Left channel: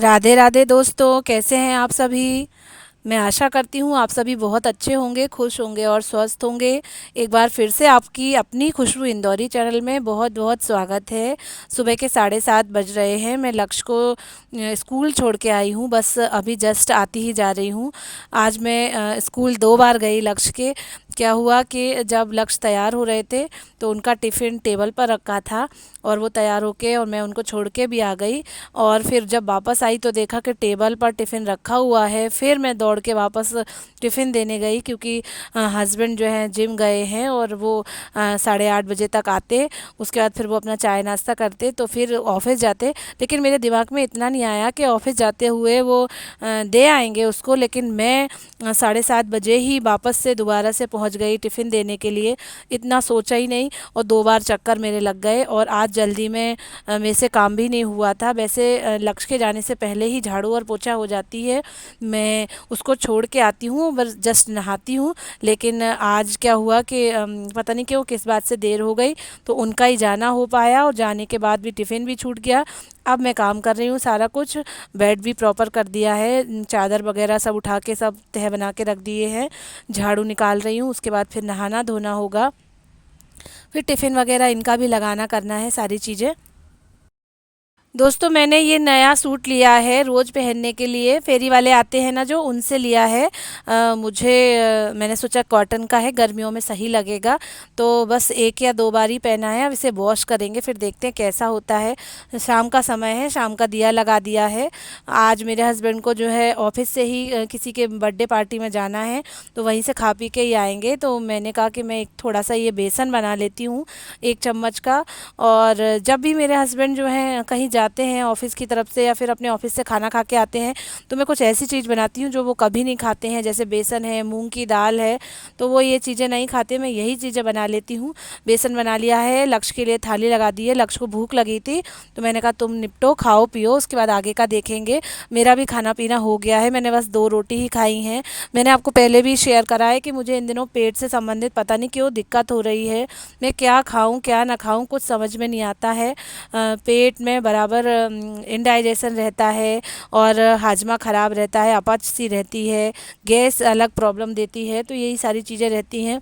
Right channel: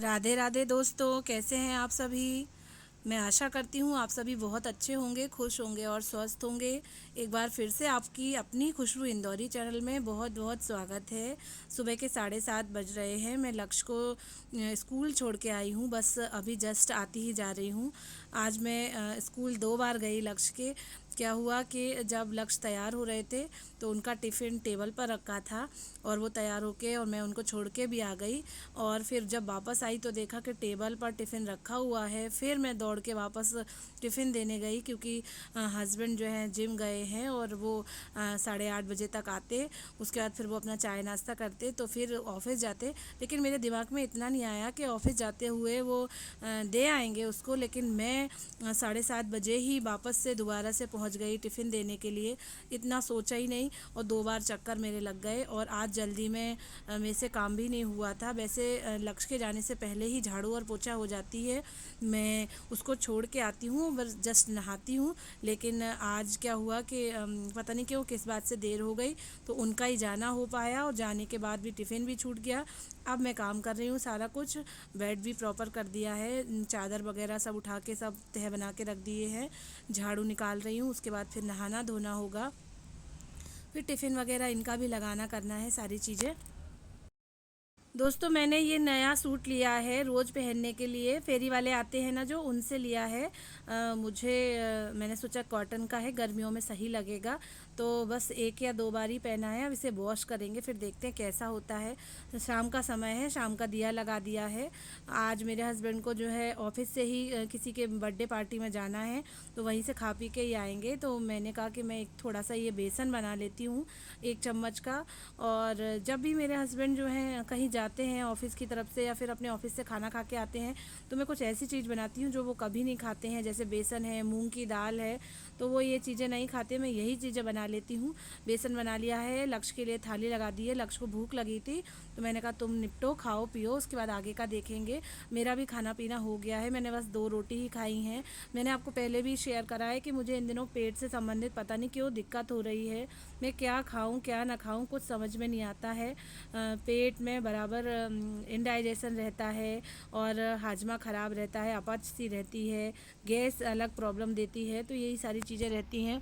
राधे राधे दोस्तों, कैसे हैं आप सभी। मैं आशा करती हूँ आप सभी बहुत अच्छे होंगे, खुश होंगे और स्वस्थ होंगे। एक बार फिर से आपकी अपनी खुशबू इंदौरी चैनल में बहुत बहुत स्वागत है। सुबह के 7:30 बज रहे हैं। मैं लक्ष्य को स्कूल छोड़ के आई हूँ, बस अभी जस्ट आती ही जा रही हूँ। आज मैं स्कूल 2 बार गई लक्ष्य के। क्या हुआ कि जब लक्ष्य तैयार हो रहे थे तो उनका टिफ़िन टेबल पर रखा था और वो तैयार होके और मैं उनको छोड़ के भी आ गई। और फिर जब वापस आई तो देखा कि टेबल पर टिफ़िन रखा हुआ है। फिर मैं दौड़ के वापस टिफ़िन देने गई, क्योंकि हस्बैंड जो हैं जिम गए हैं और वो 8:30 बजे तक आते। उसके बाद फिर वो अपना चाय नाश्ता करते तो फिर ऑफिस जाते। लेकिन मेरे दिमाग में इतना नहीं आया कि ऑफिस जाते हुए वो दे आएंगे उसको। लेकिन मैं 7:30 बजे ही वापस से दोबारा से पहुंच गई टिफ़िन देने के लिए। इतना सोचा ही नहीं और 2 बार चक्कर मेरे लग गए। और आज जल्दी में मेरे से काम भी नहीं हुआ था। वैसे लक्ष्य के जाने से पहले ही झाड़ू और पोछा हो जाती है। मैं उसको छोड़ के आती हूँ, बस जस्ट नहाती हूँ। लेकिन आज क्या हुआ कि पता नहीं क्यों किस बात से देर हो गई, तो उनका ही जाना हो पाया और जाने के बाद भी टिफ़िन भी छूट गया। अब मैं काम कर रही हूँ सारा कुछ। बेड भी प्रॉपर कर दिया है, चादर वगैरह सब उठा के सब तह बना के रख दिए हैं। झाड़ू निकाल रही हूँ, उसके बाद फिर नहाना धोना होगा। फिर टिफ़िन वगैरह इनका भी लगाना करना है सारी चीज़ें। दोस्तों, मैंने ये नया सूट लिया है रोज़ पहनने के लिए। फेरी वाले आते हैं ना जो, उनसे लिया है। मैंने सोचा कॉटन का है, गर्मियों में सही लगेगा। तो बस 1 या 2 बार ही पहना है। अब इसे वॉश करेंगे, फिर देखते हैं कैसा होता है। शाम का समय है, शाम का दिया लगा दिया है। आज मेरे हस्बैंड को जो है ऑफिस से ही किसी के बर्थडे पार्टी में जाना है, तो वहीं से खा पी के ही आएंगे। तो मैंने कहा कि मैं एक थोड़ा सा ये बेसन बना लेती हूँ, 1 चम्मच का। और जब भी मेरे हस्बैंड जो हैं कहीं जाते हैं ऑफिस की तरफ से या फिर अपने ऑफिस से खाना खा के आते हैं, तो मैं कुछ ऐसी चीज़ बनाती हूँ जो वो कभी नहीं खाते हैं। जैसे बेसन है, मूंग की दाल है, तो वो ये चीज़ें नहीं खाते, मैं यही चीज़ें बना लेती हूँ। बेसन बना लिया है, लक्ष्य के लिए थाली लगा दी है। लक्ष्य को भूख लगी थी तो मैंने कहा तुम निपटो, खाओ पियो, उसके बाद आगे का देखेंगे। मेरा भी खाना पीना हो गया है, मैंने बस 2 रोटी ही खाई हैं। मैंने आपको पहले भी शेयर करा है कि मुझे इन दिनों पेट से संबंधित पता नहीं क्यों दिक्कत हो रही है। मैं क्या खाऊं क्या ना खाऊं कुछ समझ में नहीं आता है। पेट में बराबर इनडाइजेशन रहता है और हाजमा ख़राब रहता है, अपच सी रहती है, गैस अलग प्रॉब्लम देती है, तो यही सारी चीज़ें रहती हैं।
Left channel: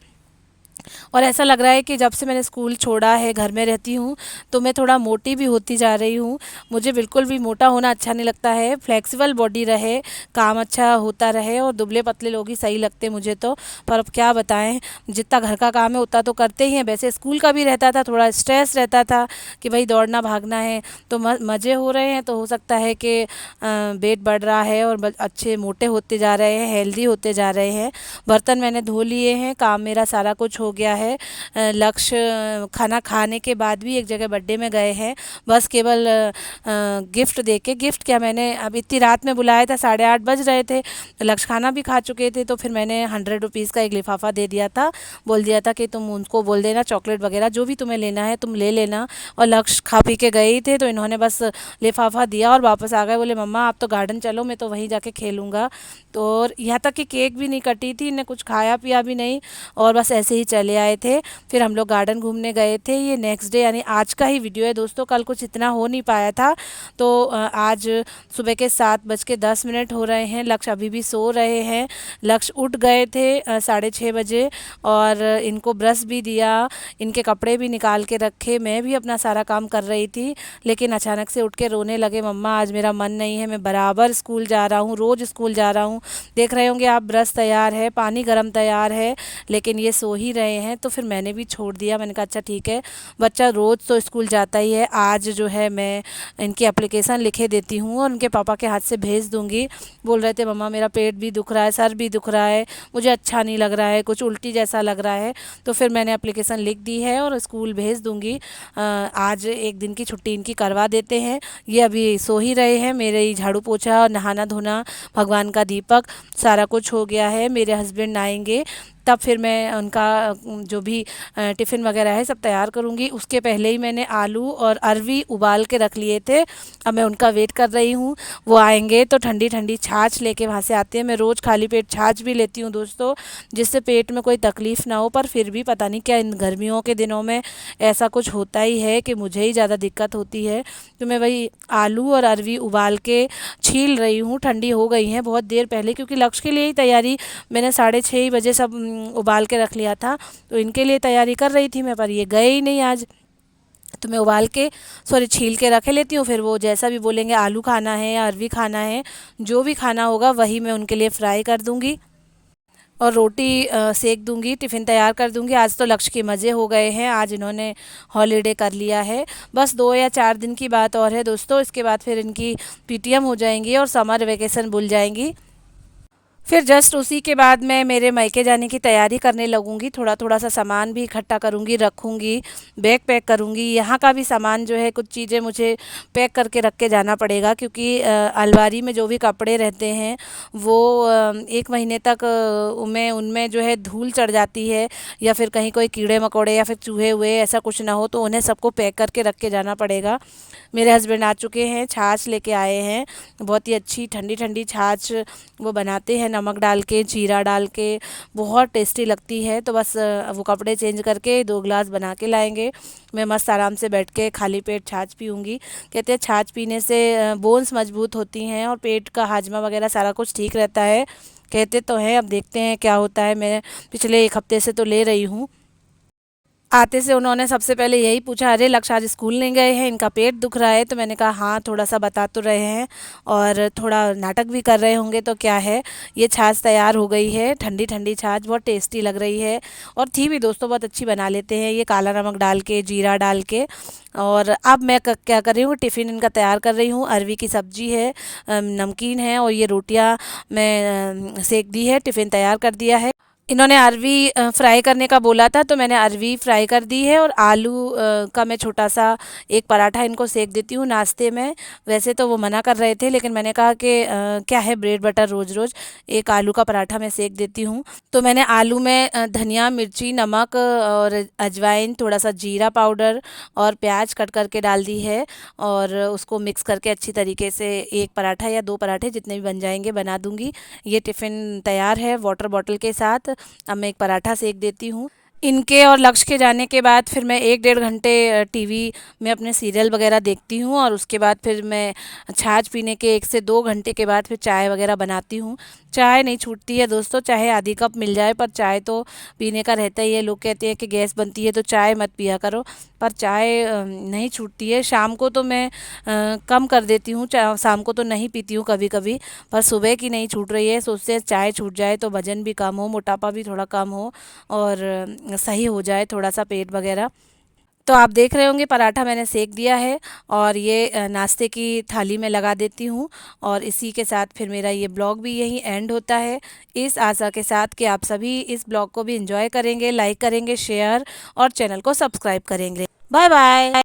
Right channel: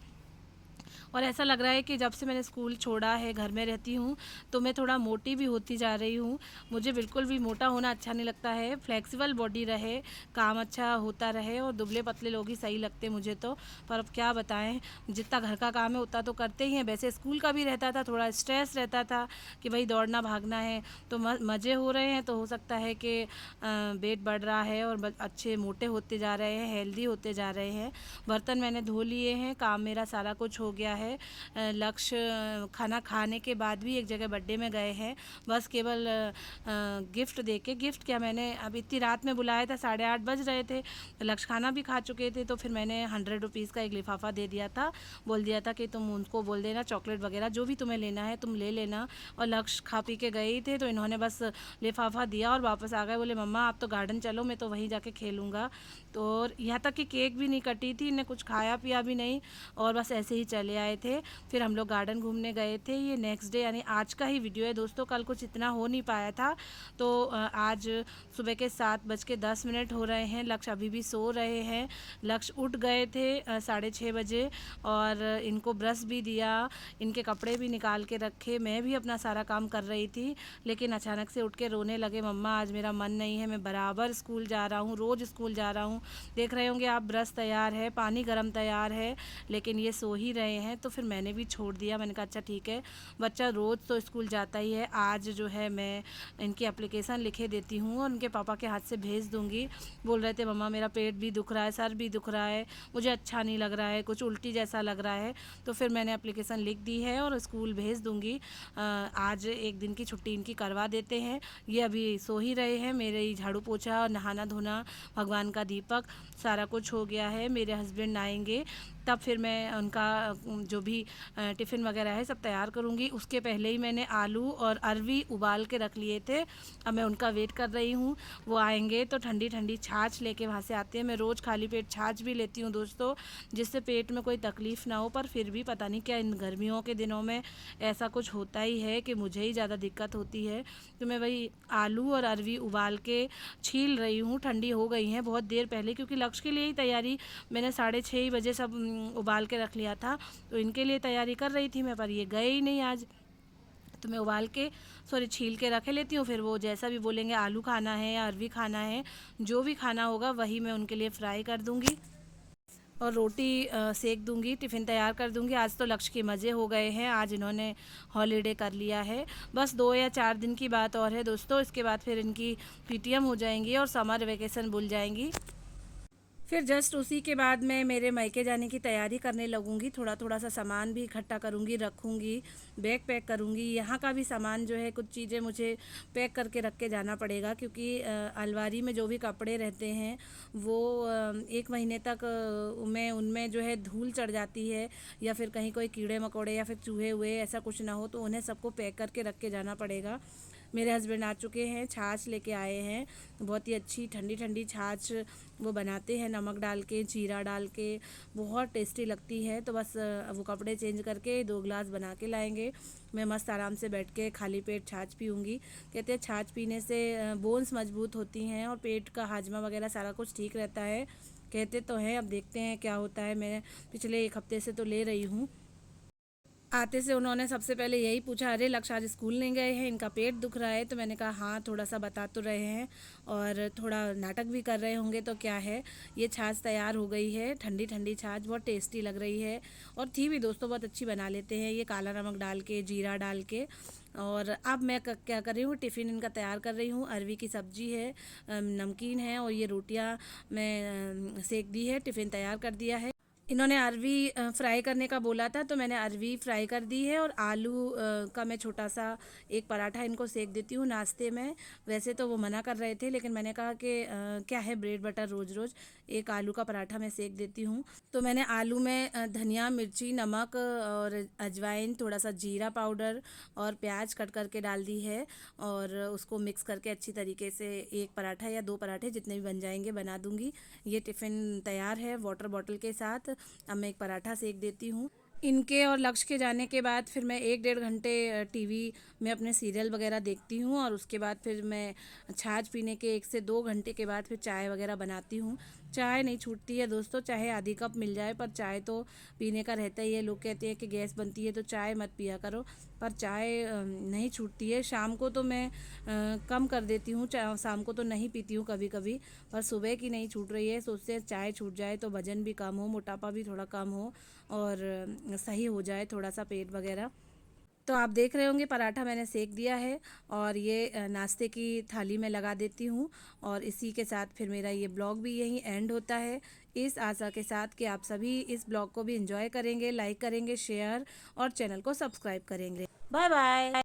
और ऐसा लग रहा है कि जब से मैंने स्कूल छोड़ा है, घर में रहती हूँ, तो मैं थोड़ा मोटी भी होती जा रही हूँ। मुझे बिल्कुल भी मोटा होना अच्छा नहीं लगता है। फ्लेक्सिबल बॉडी रहे, काम अच्छा होता रहे, और दुबले पतले लोग ही सही लगते मुझे तो। पर अब क्या बताएं, जितना घर का काम है उतना तो करते ही हैं। वैसे स्कूल का भी रहता था, थोड़ा स्ट्रेस रहता था कि भाई दौड़ना भागना है। तो मज़े हो रहे हैं, तो हो सकता है कि वेट बढ़ रहा है और अच्छे मोटे होते जा रहे हैं, हेल्दी होते जा रहे हैं। बर्तन मैंने धो लिए हैं, काम मेरा सारा कुछ हो गया है। लक्ष्य खाना खाने के बाद भी एक जगह बर्थडे में गए हैं, बस केवल गिफ्ट दे के। गिफ्ट क्या, मैंने अब इतनी रात में बुलाया था, 8:30 बज रहे थे, तो लक्ष्य खाना भी खा चुके थे। तो फिर मैंने 100 रुपीज़ का एक लिफाफा दे दिया था। बोल दिया था कि तुम उनको बोल देना चॉकलेट वगैरह जो भी तुम्हें लेना है तुम ले लेना। और लक्ष्य खा पी के गए ही थे, तो इन्होंने बस लिफाफा दिया और वापस आ गए। बोले मम्मा आप तो गार्डन चलो, मैं तो वहीं जाके खेलूँगा। तो और यहाँ तक कि केक भी नहीं कटी थी, इन्हें कुछ खाया पिया भी नहीं, और बस ऐसे ही चले आए थे। फिर हम लोग गार्डन घूमने गए थे। ये नेक्स्ट डे यानी आज का ही वीडियो है दोस्तों, कल कुछ इतना हो नहीं पाया था। तो आज सुबह के 7:10 हो रहे हैं, लक्ष्य अभी भी सो रहे हैं। लक्ष्य उठ गए थे 6:30 बजे, और इनको ब्रश भी दिया, इनके कपड़े भी निकाल के रखे, मैं भी अपना सारा काम कर रही थी। लेकिन अचानक से उठ के रोने लगे, मम्मा आज मेरा मन नहीं है, मैं बराबर स्कूल जा रहा हूँ, रोज़ स्कूल जा रहा हूँ। देख रहे होंगे आप, ब्रश तैयार है, पानी गर्म तैयार है, लेकिन ये सो ही रहे हैं। तो फिर मैंने भी छोड़ दिया। मैंने कहा अच्छा ठीक है, बच्चा रोज़ तो स्कूल जाता ही है, आज जो है मैं इनकी एप्लीकेशन लिखे देती हूँ और उनके पापा के हाथ से भेज दूँगी। बोल रहे थे मम्मा मेरा पेट भी दुख रहा है, सर भी दुख रहा है, मुझे अच्छा नहीं लग रहा है, कुछ उल्टी जैसा लग रहा है। तो फिर मैंने एप्लीकेशन लिख दी है और स्कूल भेज दूँगी। आज एक दिन की छुट्टी इनकी करवा देते हैं। ये अभी सो ही रहे हैं। मेरे ही झाड़ू पोछा, नहाना धोना, भगवान का दीपक, सारा कुछ हो गया है। मेरे हस्बैंड आएंगे तब फिर मैं उनका जो भी टिफ़िन वगैरह है सब तैयार करूँगी। उसके पहले ही मैंने आलू और अरवी उबाल के रख लिए थे। अब मैं उनका वेट कर रही हूँ। वो आएंगे तो ठंडी ठंडी छाछ लेके वहाँ से आते हैं। मैं रोज़ खाली पेट छाछ भी लेती हूँ दोस्तों, जिससे पेट में कोई तकलीफ़ ना हो। पर फिर भी पता नहीं क्या इन गर्मियों के दिनों में ऐसा कुछ होता ही है कि मुझे ही ज़्यादा दिक्कत होती है। तो मैं वही आलू और अरवी उबाल के छील रही हूँ। ठंडी हो गई हैं बहुत देर पहले, क्योंकि लक्ष्य के लिए ही तैयारी मैंने 6:30 बजे सब उबाल के रख लिया था। तो इनके लिए तैयारी कर रही थी मैं, पर ये गए ही नहीं आज। तो मैं उबाल के सॉरी छील के रख लेती हूँ। फिर वो जैसा भी बोलेंगे, आलू खाना है या अरवी खाना है, जो भी खाना होगा वही मैं उनके लिए फ्राई कर दूँगी और रोटी सेक दूँगी, टिफ़िन तैयार कर दूँगी। आज तो लक्ष्य के मज़े हो गए हैं, आज इन्होंने हॉलिडे कर लिया है। बस 2 या 4 दिन की बात और है दोस्तों, इसके बाद फिर इनकी पीटीएम हो जाएंगी और समर वेकेशन भूल जाएंगी। फिर जस्ट उसी के बाद मैं मेरे मायके जाने की तैयारी करने लगूंगी। थोड़ा थोड़ा सा सामान भी इकट्ठा करूंगी, रखूंगी, बैग पैक करूंगी। यहाँ का भी सामान जो है, कुछ चीज़ें मुझे पैक करके रख के जाना पड़ेगा, क्योंकि अलमारी में जो भी कपड़े रहते हैं वो 1 महीने तक उनमें उनमें जो है धूल चढ़ जाती है, या फिर कहीं कोई कीड़े मकोड़े या फिर चूहे हुए ऐसा कुछ ना हो, तो उन्हें सबको पैक करके रख के जाना पड़ेगा। मेरे हस्बैंड आ चुके हैं, छाछ लेके आए हैं। बहुत ही अच्छी ठंडी ठंडी छाछ वो बनाते हैं, नमक डाल के, जीरा डाल के, बहुत टेस्टी लगती है। तो बस वो कपड़े चेंज करके 2 गिलास बना के लाएंगे। मैं मस्त आराम से बैठ के खाली पेट छाछ पीऊँगी। कहते हैं छाछ पीने से बोन्स मजबूत होती हैं और पेट का हाजमा वगैरह सारा कुछ ठीक रहता है। कहते तो हैं, अब देखते हैं क्या होता है। मैं पिछले 1 हफ्ते से तो ले रही हूँ। आते से उन्होंने सबसे पहले यही पूछा, अरे लक्ष्य आज स्कूल नहीं गए हैं, इनका पेट दुख रहा है। तो मैंने कहा हाँ, थोड़ा सा बता तो रहे हैं और थोड़ा नाटक भी कर रहे होंगे, तो क्या है। ये छाछ तैयार हो गई है, ठंडी ठंडी छाछ, बहुत टेस्टी लग रही है। और थी भी दोस्तों, बहुत अच्छी बना लेते हैं ये, काला नमक डाल के, जीरा डाल के। और अब मैं क्या कर रही हूँ, टिफ़िन इनका तैयार कर रही हूँ। अरवी की सब्जी है, नमकीन है, और ये रोटियाँ मैं सेक दी है, टिफ़िन तैयार कर दिया है। इन्होंने अरवी फ्राई करने का बोला था, तो मैंने अरवी फ्राई कर दी है। और आलू का मैं छोटा सा एक पराठा इनको सेक देती हूँ नाश्ते में। वैसे तो वो मना कर रहे थे, लेकिन मैंने कहा कि क्या है ब्रेड बटर रोज़ रोज़, एक आलू का पराठा मैं सेक देती हूँ। तो मैंने आलू में धनिया, मिर्ची, नमक और अजवाइन, थोड़ा सा जीरा पाउडर और प्याज कट करके डाल दी है, और उसको मिक्स करके अच्छी तरीके से एक पराठा या 2 पराठे जितने भी बन जाएंगे बना दूंगी। ये टिफ़िन तैयार है वाटर बॉटल के साथ। अब मैं एक पराठा सेक देती हूँ। इनके और लक्ष्य के जाने के बाद फिर मैं 1 डेढ़ घंटे टीवी में अपने सीरियल वगैरह देखती हूँ, और उसके बाद फिर मैं छाछ पीने के 1 से 2 घंटे के बाद फिर चाय वगैरह बनाती हूँ। चाय नहीं छूटती है दोस्तों, चाहे आधी कप मिल जाए, पर चाय तो पीने का रहता ही है। लोग कहते हैं कि गैस बनती है तो चाय मत पिया करो, पर चाय नहीं छूटती है। शाम को तो मैं कम कर देती हूँ, शाम को तो नहीं पीती हूँ कभी कभी, पर सुबह की नहीं छूट रही है। सोचते हैं चाय छूट जाए तो वज़न भी कम हो, मोटापा भी थोड़ा कम हो, और सही हो जाए थोड़ा सा पेट वगैरह। तो आप देख रहे होंगे पराठा मैंने सेक दिया है, और ये नाश्ते की थाली में लगा देती हूँ। और इसी के साथ फिर मेरा ये ब्लॉग भी यहीं एंड होता है, इस आशा के साथ कि आप सभी इस ब्लॉग को भी एंजॉय करेंगे, लाइक करेंगे, शेयर और चैनल को सब्सक्राइब करेंगे। Bye bye.